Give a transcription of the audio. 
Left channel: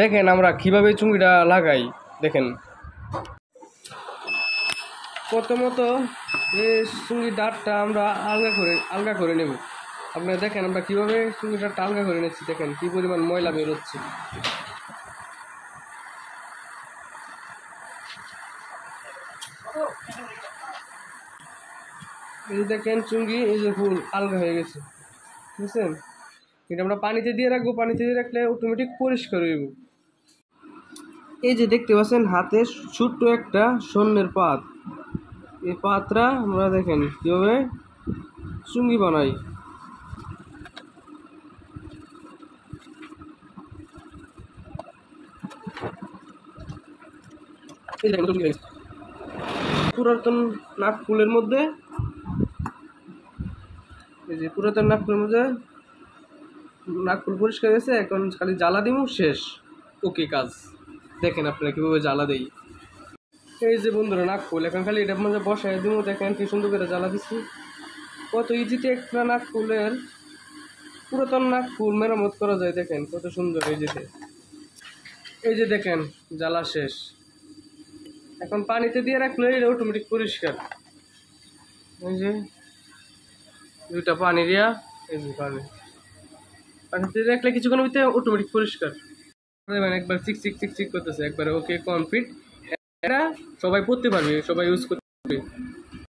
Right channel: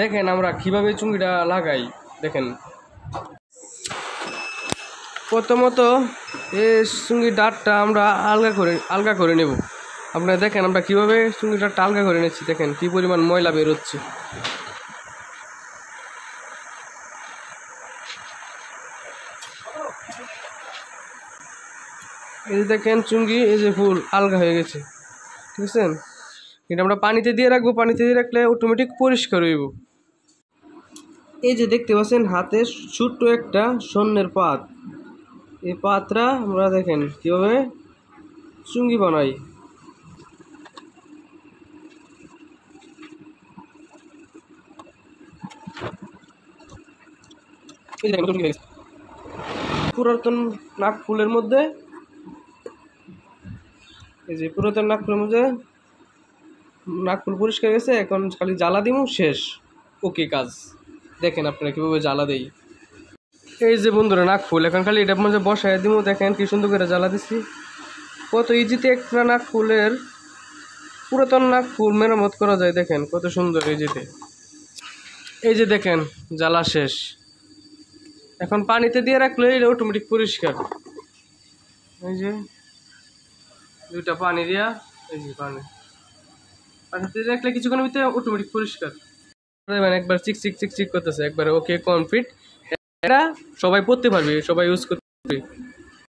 দেখেন আমরা কিভাবে চুঙ্গিটা লাগাই। দেখেন প্রথমত এই চুঙ্গির ডাঁটটা আমরা আলগা করে নেব। আপনারা দেখেন আমরা কিভাবে চুঙ্গির ডাঁটটা আলগা করে নিচ্ছি। দেখেন কি পরিমাণ ময়লা বেরোচ্ছে। এই যে দেখেন চুঙ্গি এই যে ফুল আলগা হয়ে গেছে, ঠিক আছে। এটা আমরা পানিতে দিয়ে রাখবো, পানিতে দিয়ে রাখলে অটোমেটিক পরিষ্কার হইব। এই যে দেখতে পাচ্ছেন হাতে ছোট্ট একটা স্বর্ণের পাত, এই পাতটা আমরা দেখেন কিভাবে চুঙ্গি বানাই। পুরাতন নাক ফুলের মধ্যে, এই যে পুরাতন নাক ফুলের মধ্যে নাক ফুল পরিষ্কার গেছে, এখন খালি জ্বালা দিব, শেষ। ওকে কাজ। দেখেন আপনারা কিভাবে জ্বালা দেই। এই যে বন্ধুরা নাক ফুল, এখন খালি এটার মধ্যে বসায় দিব। দেখেন কি সুন্দর করে জ্বালা দিচ্ছি। কত ইজিতে একটা নাক ফুলের, পুরাতন নাক ফুল মেরামত করা যায়। দেখেন কত সুন্দর ইজিতে। এই যে দেখেন জ্বালা শেষ। এখন পানিতে দিয়ে রাখলে এটা অটোমেটিক পরিষ্কার। এই যে দুইটা পানি দিয়া, এই যে পানিতে দিয়ে রাখলে কিছুক্ষণের ভিতরে অটোমেটিক পরিষ্কার। একবার চিক চিক চিক চিক করতেছে, একবার ওকে কমপ্লিট। এটা সবাই পড়তে পারবে, সবাই ইউজ করতে পারবে।